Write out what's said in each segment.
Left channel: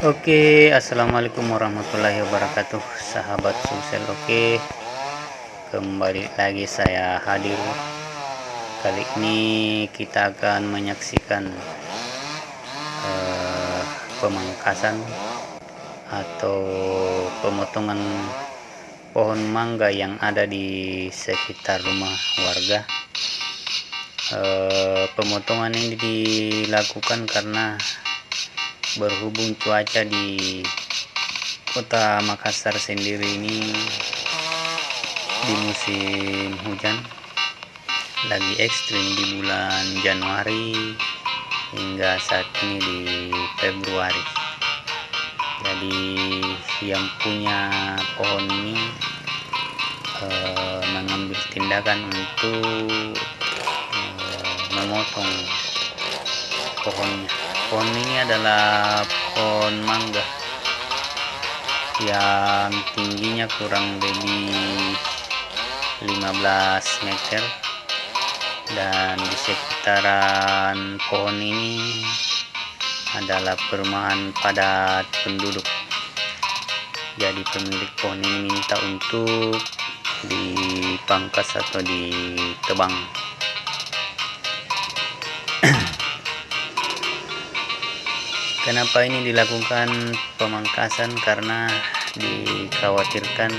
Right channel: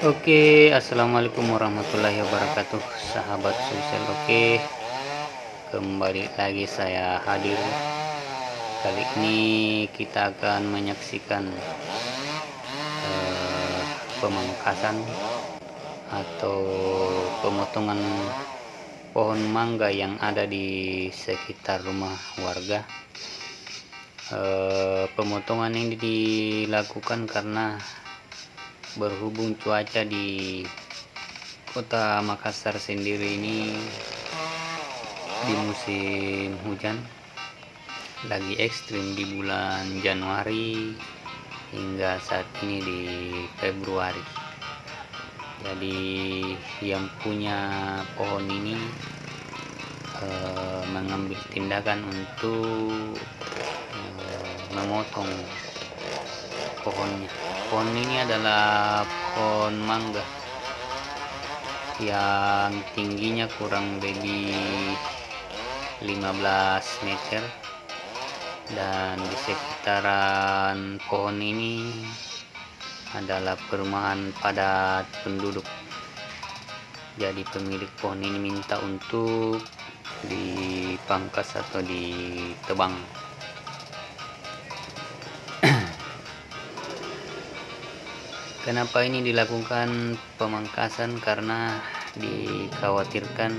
Oke, assalamualaikum warahmatullahi wabarakatuh, sahabat Sulsel. Oke, kembali lagi saya hadir. Kali ini kita akan menyaksikan pemangkasan atau pemotongan pohon mangga yang ada di sekitar rumah warga. Pemotongan ini dilakukan karena berhubung cuaca di kota Makassar sendiri ini di musim hujan lagi ekstrim di bulan Januari hingga saat ini di Februari. Jadi yang punya pohon ini mengambil tindakan untuk memotong pohonnya. Pohon ini adalah pohon mangga yang tingginya kurang lebih 15 meter, dan di sekitaran pohon ini adalah perumahan padat penduduk. Jadi pemilik pohon ini minta untuk dipangkas atau ditebang. Kenapa ini dilakukan pemangkasan? Karena dikhawatirkan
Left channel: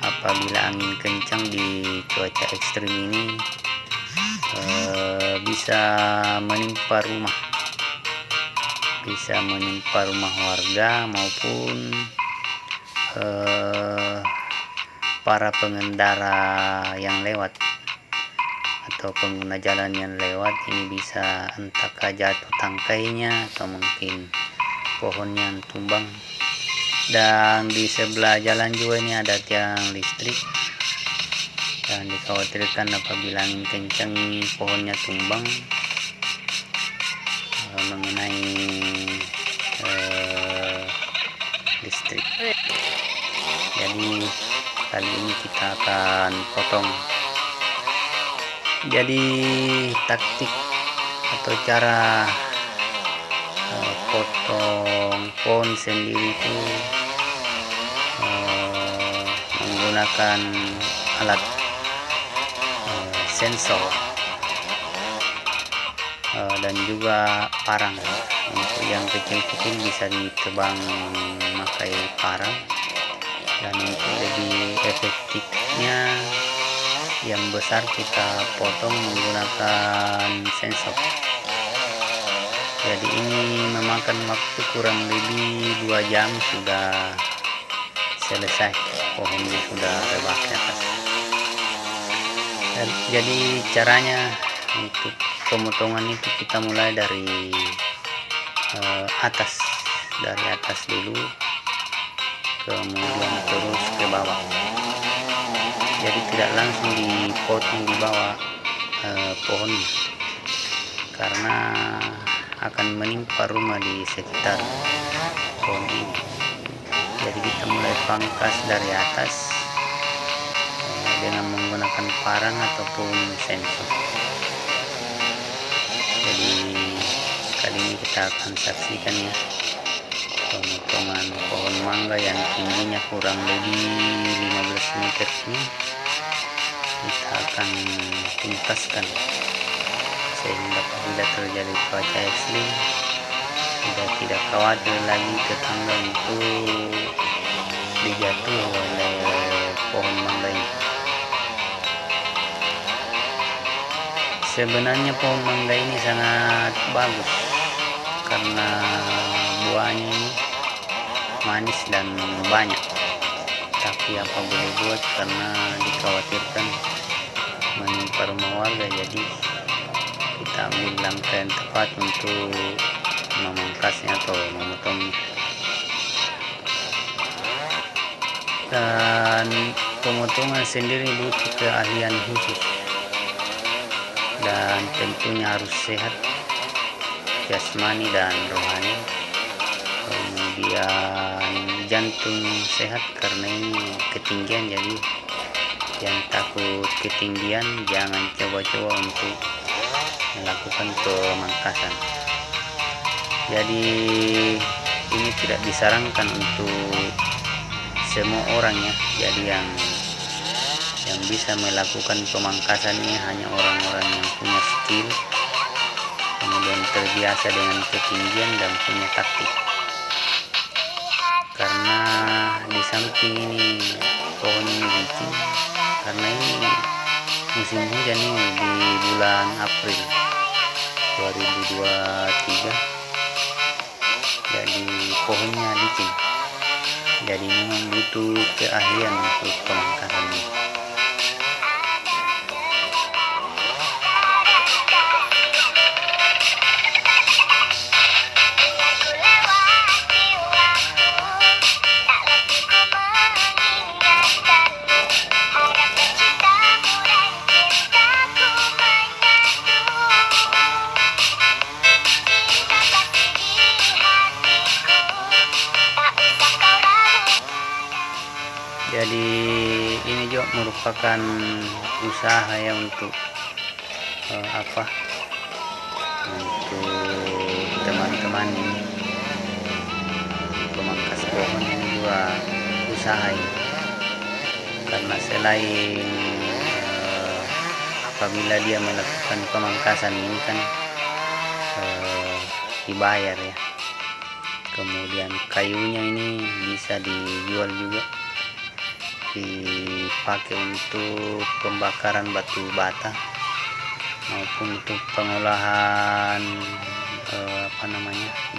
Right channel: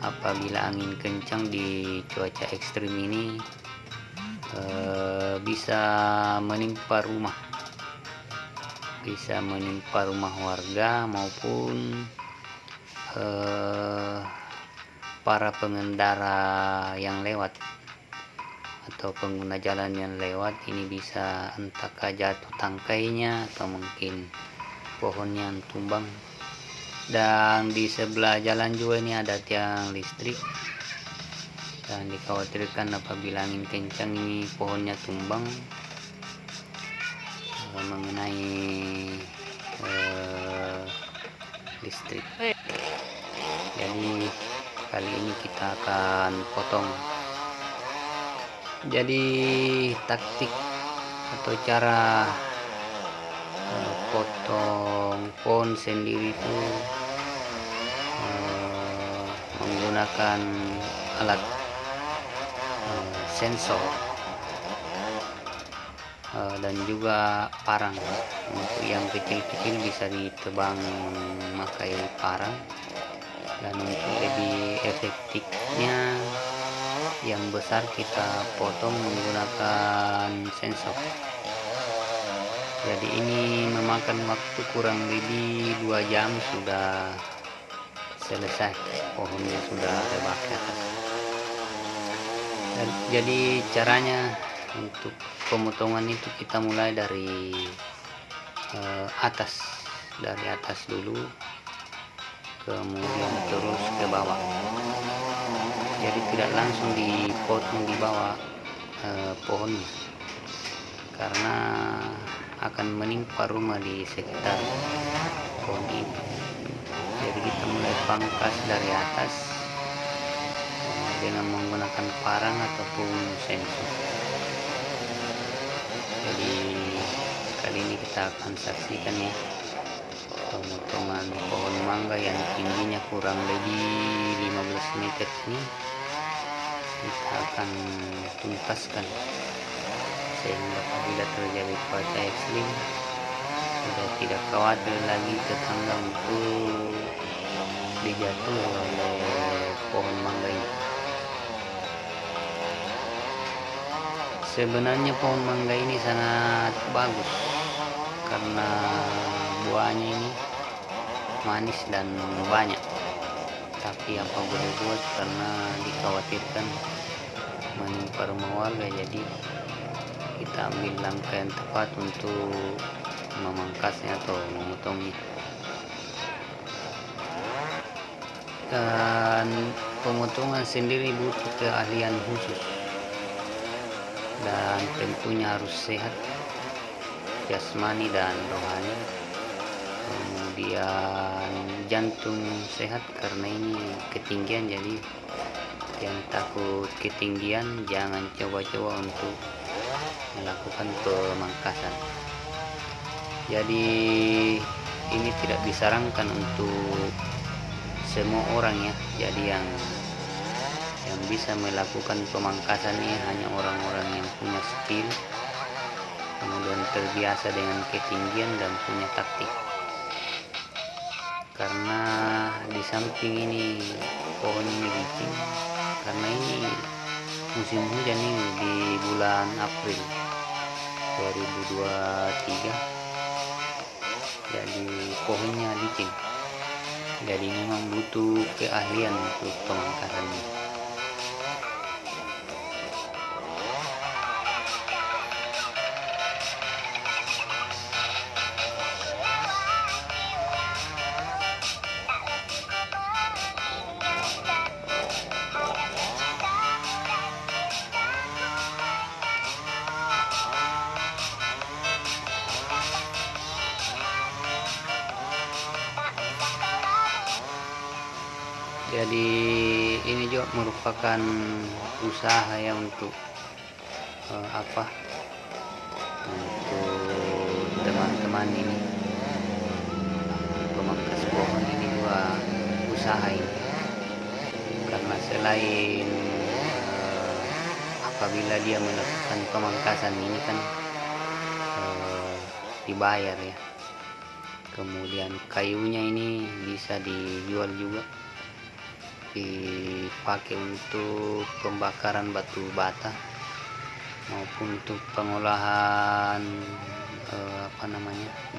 apabila angin kencang di cuaca ekstrim ini bisa menimpa rumah warga maupun para pengendara yang lewat atau pengguna jalan yang lewat. Ini bisa entahkah jatuh tangkainya atau mungkin pohonnya tumbang. Dan di sebelah jalan juga ini ada tiang listrik, dan dikhawatirkan apabila angin kencang ini pohonnya tumbang mengenai listrik. Jadi kali ini kita akan potong. Jadi taktik atau cara potong pohon sendiri itu menggunakan alat sensor dan juga parang. Untuk yang kecil-kecil bisa ditebang memakai parang, dan untuk lebih efektifnya yang besar kita potong menggunakan sensor. Jadi ini memakan waktu kurang lebih 2 jam sudah selesai, pohonnya sudah rebah ke atas. Dan jadi caranya untuk pemotongan itu kita mulai dari atas dulu, kemudian terus ke bawah. Jadi tidak langsung dipotong di bawah pohonnya, karena akan menimpa rumah di sekitar pohon ini. Jadi kita mulai pangkas dari atas dengan menggunakan parang ataupun sensor. Jadi kali ini kita akan saksikan ya pemotongan pohon mangga yang tingginya kurang lebih 15 meter ini. Kita akan tuntaskan sehingga apabila terjadi cuaca ekstrim sudah tidak khawatir lagi tetangga untuk dijatuh oleh pohon mangga ini. Sebenarnya pohon mangga ini sangat bagus karena buahnya ini manis dan banyak, tapi apa boleh buat karena dikhawatirkan menimpa rumah warga, jadi kita ambil langkah yang tepat untuk memangkasnya atau memotongnya. Dan pemotongan sendiri butuh keahlian khusus dan tentunya harus sehat jasmani dan rohani. Kemudian jantung sehat karena ini ketinggian, jadi yang takut ketinggian jangan coba-coba untuk melakukan pemangkasan. Jadi ini tidak disarankan untuk semua orang ya, jadi yang bisa melakukan pemangkasan ini hanya orang-orang yang punya skill, kemudian terbiasa dengan ketinggian dan punya taktik. Karena di samping ini pohon ini licin, karena ini musim hujan ini di bulan April 2023, jadi pohonnya licin, jadi memang butuh keahlian untuk pemangkasan ini. Jadi ini juga merupakan usaha ya untuk untuk teman-teman pemangkas pohon ini juga usaha ya. Karena selain apabila dia melakukan pemangkasan ini kan dibayar ya, kemudian kayunya ini bisa dijual juga, dipakai untuk pembakaran batu bata maupun untuk pengolahan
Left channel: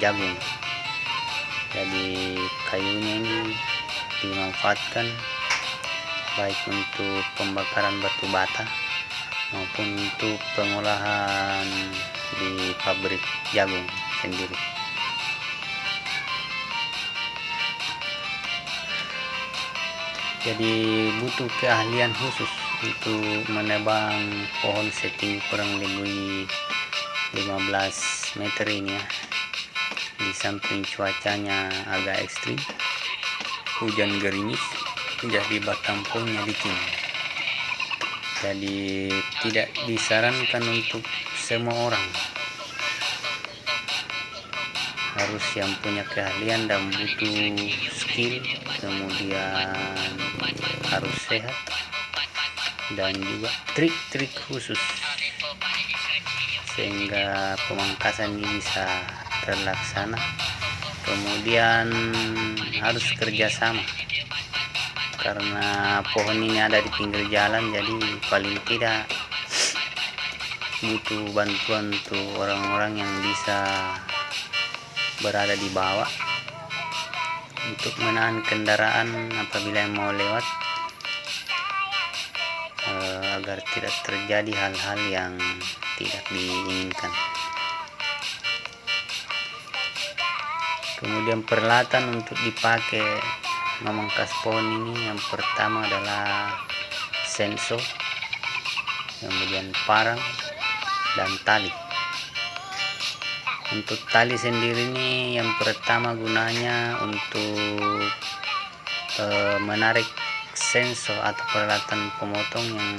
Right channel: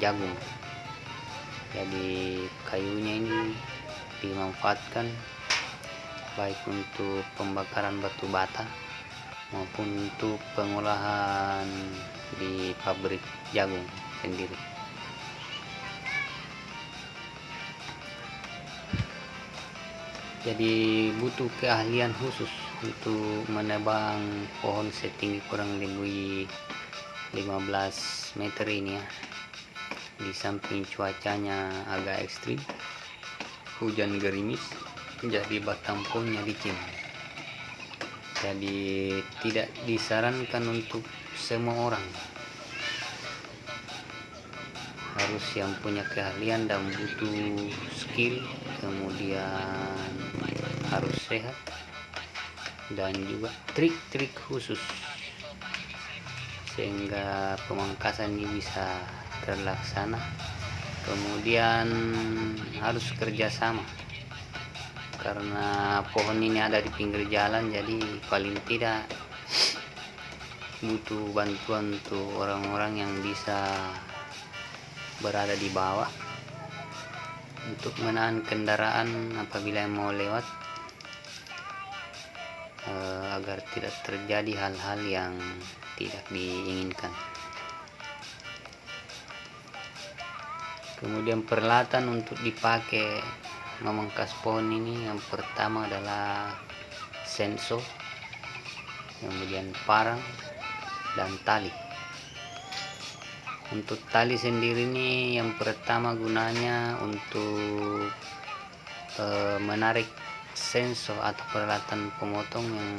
jagung. Jadi kayunya ini dimanfaatkan baik untuk pembakaran batu bata maupun untuk pengolahan di pabrik jagung sendiri. Jadi butuh keahlian khusus untuk menebang pohon setinggi kurang lebih 15 meter ini ya. Di samping cuacanya agak ekstrim, hujan gerimis, jadi batang pohonnya licin. Jadi tidak disarankan untuk semua orang, harus yang punya keahlian dan butuh skill, kemudian harus sehat dan juga trik-trik khusus sehingga pemangkasan ini bisa terlaksana. Kemudian harus kerjasama karena pohon ini ada di pinggir jalan, jadi paling tidak butuh bantuan untuk orang-orang yang bisa berada di bawah untuk menahan kendaraan apabila mau lewat, agar tidak terjadi hal-hal yang tidak diinginkan. Kemudian peralatan untuk dipakai memangkas pohon ini, yang pertama adalah senso, kemudian parang dan tali. Untuk tali sendiri ini yang pertama gunanya untuk menarik senso atau peralatan pemotong yang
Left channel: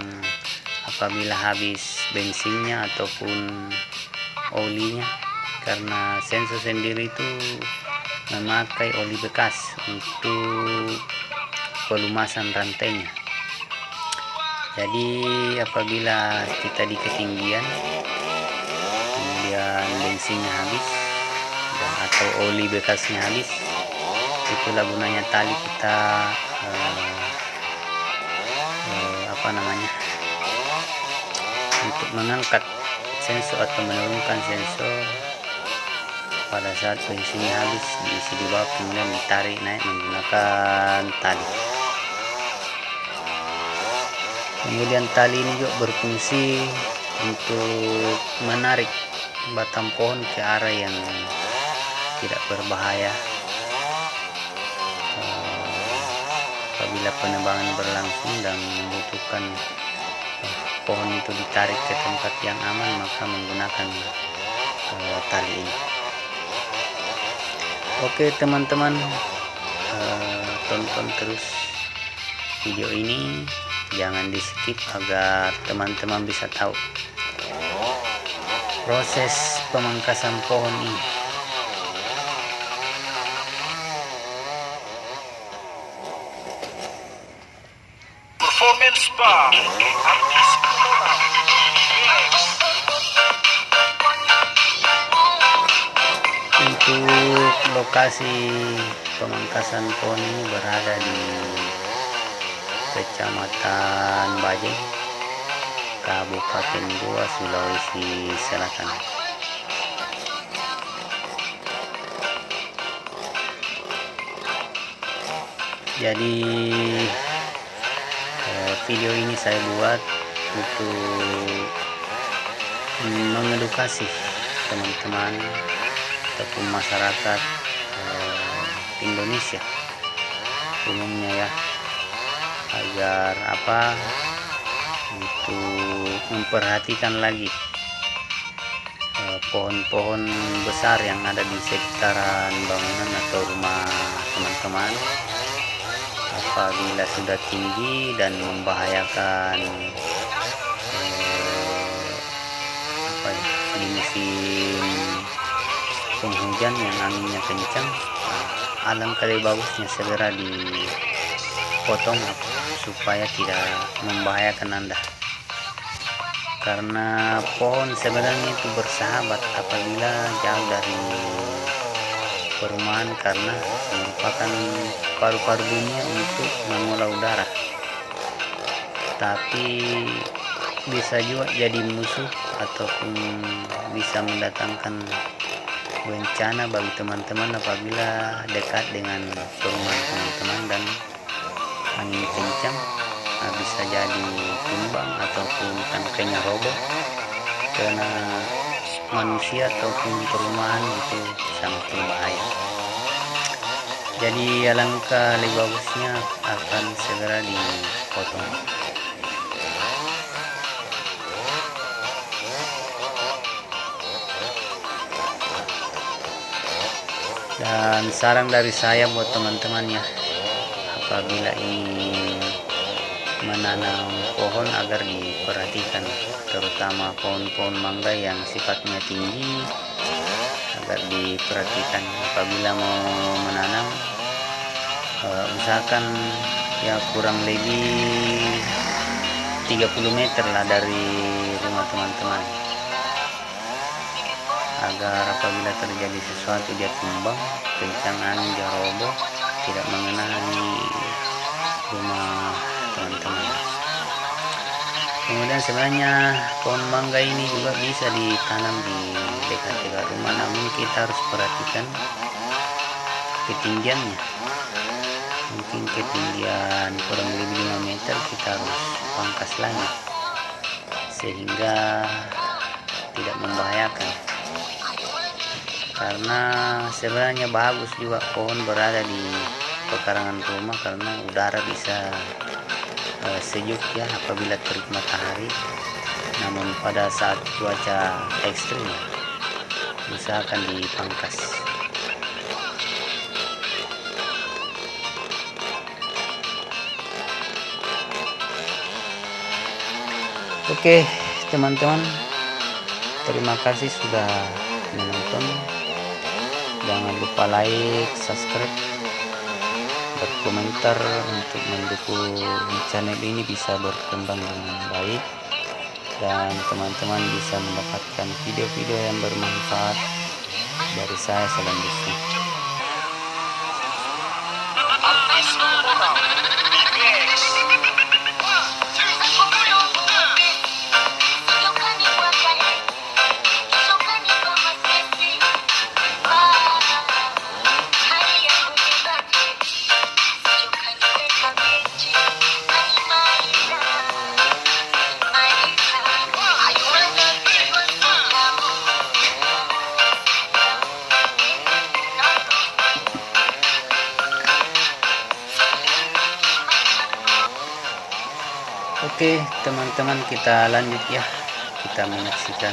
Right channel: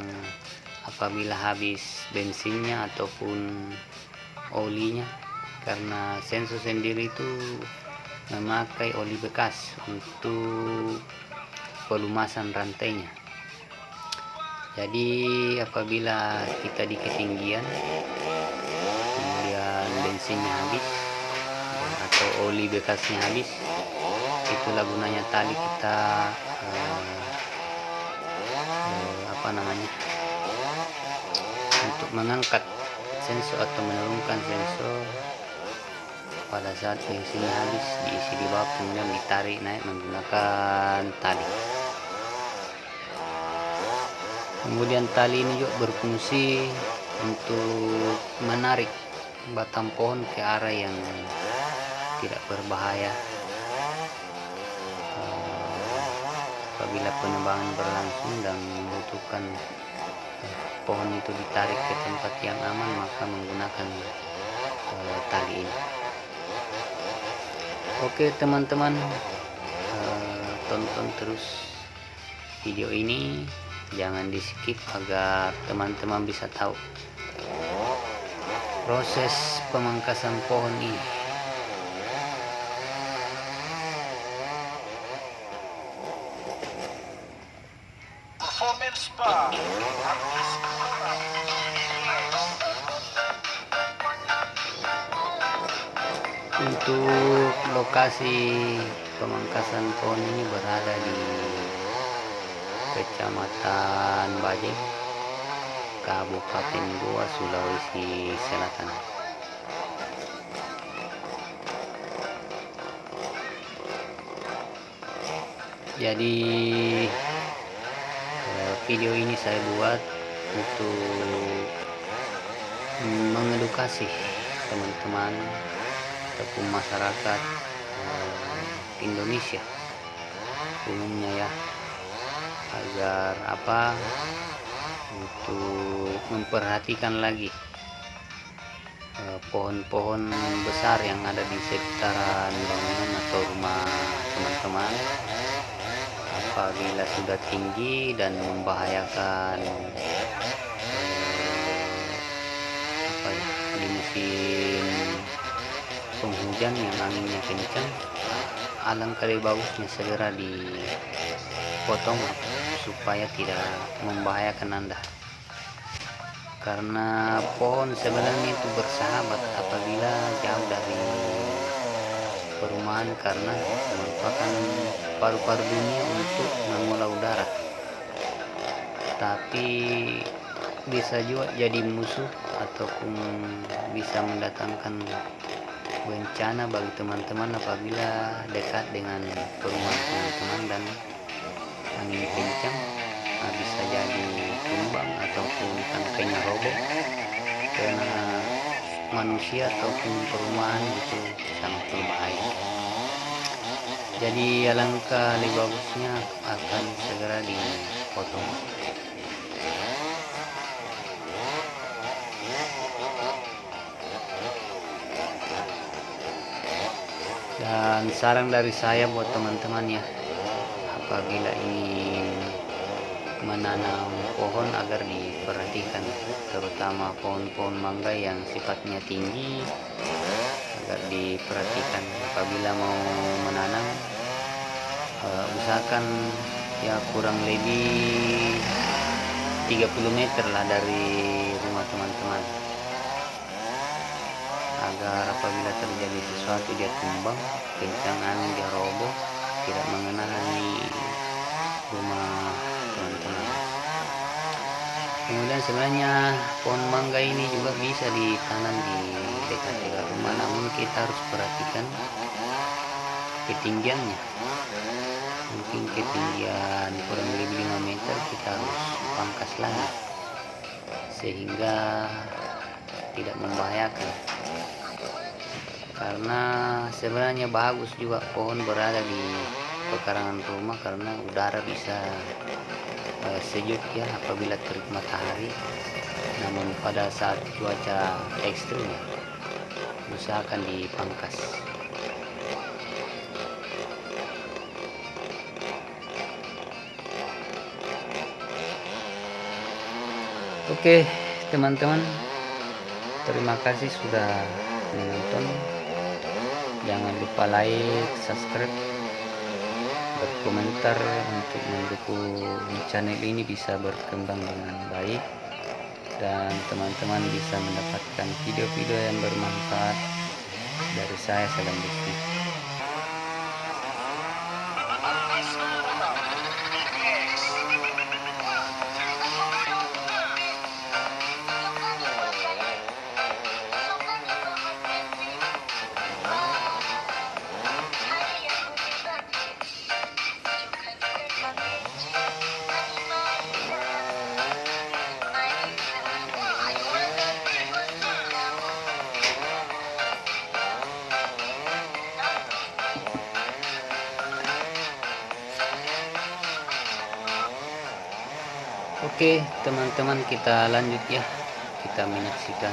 apabila habis bensinnya ataupun olinya, karena senso sendiri itu memakai oli bekas untuk pelumasan rantainya. Jadi apabila kita di ketinggian kemudian bensinnya habis dan atau oli bekasnya habis, itulah gunanya tali kita untuk mengangkat senso atau menurunkan senso Pada saat bensinnya habis, diisi di bawah, kemudian ditarik naik menggunakan tali. Kemudian tali ini juga berfungsi untuk menarik batang pohon ke arah yang tidak berbahaya apabila penebangan berlangsung dan membutuhkan pohon itu ditarik ke tempat yang aman, maka menggunakan tali ini. Oke teman-teman, tonton terus video ini, jangan di skip agar teman-teman bisa tahu proses pemangkasan pohon ini. Performance Bar. Untuk lokasi pemangkasan pohon ini berada di Kecamatan Bajeng, Kabupaten Goa, Sulawesi Selatan. Jadi video ini saya buat untuk mengedukasi teman-teman ataupun masyarakat Indonesia umumnya ya, agar untuk memperhatikan lagi pohon-pohon besar yang ada di sekitaran bangunan atau rumah teman-teman. Apabila sudah tinggi dan membahayakan di musim penghujan yang anginnya kencang, alangkah lebih bagusnya segera dipotong supaya tidak membahayakan Anda. Karena pohon sebenarnya itu bersahabat apabila jauh dari perumahan, karena merupakan paru-paru dunia untuk mengolah udara, tapi bisa juga jadi musuh ataupun bisa mendatangkan bencana bagi teman-teman apabila dekat dengan perumahan teman-teman dan angin kencang, bisa jadi tumbang ataupun tangkainya roboh karena manusia ataupun perumahan itu sangat berbahaya. Jadi alangkah lebih bagusnya akan segera dipotong. Dan saran dari saya buat teman-teman ya, apabila ingin menanam pohon agar diperhatikan, terutama pohon-pohon mangga yang sifatnya tinggi, agar diperhatikan apabila mau menanam. Usahakan ya kurang lebih 30 meter lah dari rumah teman-teman, agar apabila terjadi sesuatu dia tumbang, kencang angin dia roboh, tidak mengenai rumah teman-teman. Kemudian sebenarnya pohon mangga ini juga bisa ditanam di dekat-dekat rumah, namun kita harus perhatikan ketinggiannya. Mungkin ketinggian kurang lebih 5 meter, kita harus pangkas lagi sehingga tidak membahayakan. Karena sebenarnya bagus juga pohon berada di pekarangan rumah, karena udara bisa sejuk ya apabila terik matahari. Namun pada saat cuaca ekstrim usahakan dipangkas. Oke teman-teman, terima kasih sudah menonton. Jangan lupa like, subscribe, berkomentar untuk mendukung channel ini bisa berkembang dengan baik dan teman-teman bisa mendapatkan video-video yang bermanfaat dari saya selanjutnya. Oke teman-teman, kita lanjut ya, kita menyaksikan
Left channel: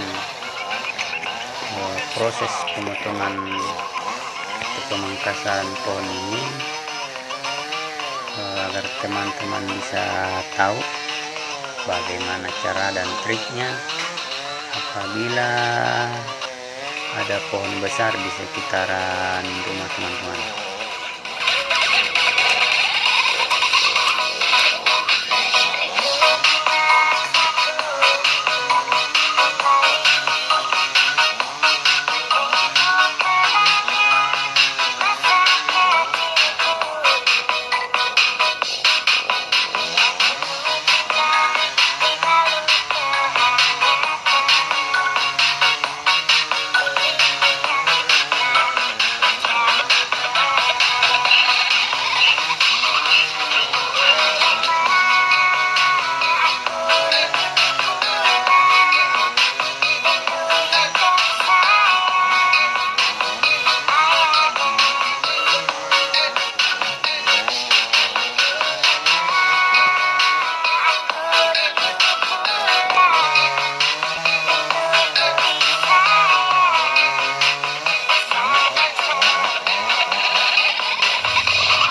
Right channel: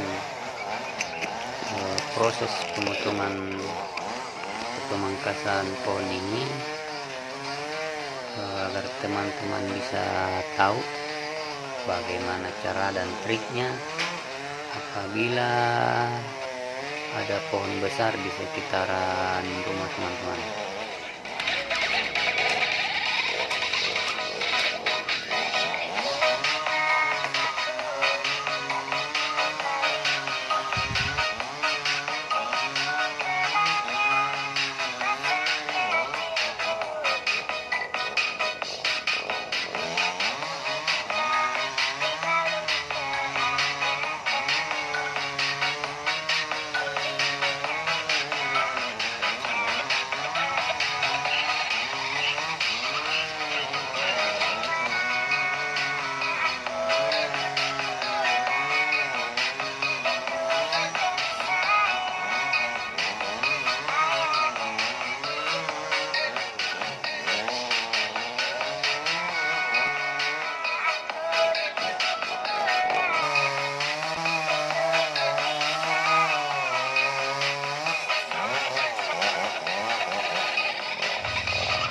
proses pemotongan atau pemangkasan pohon ini, agar teman-teman bisa tahu bagaimana cara dan triknya apabila ada pohon besar di sekitaran rumah teman-teman.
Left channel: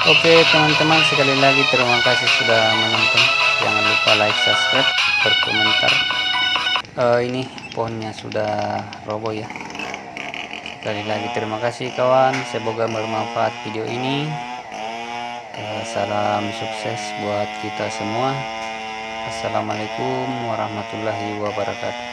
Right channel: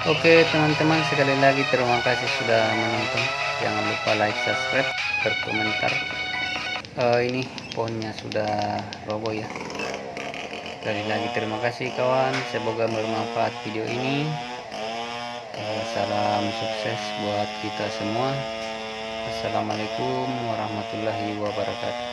Oke teman-teman, sekali lagi terima kasih sudah menonton. Jangan lupa like, subscribe, berkomentar. Ini pohonnya sudah roboh ya. Sekali lagi terima kasih kawan, semoga bermanfaat video ini. Salam sukses buat kita semua. Assalamualaikum warahmatullahi wabarakatuh.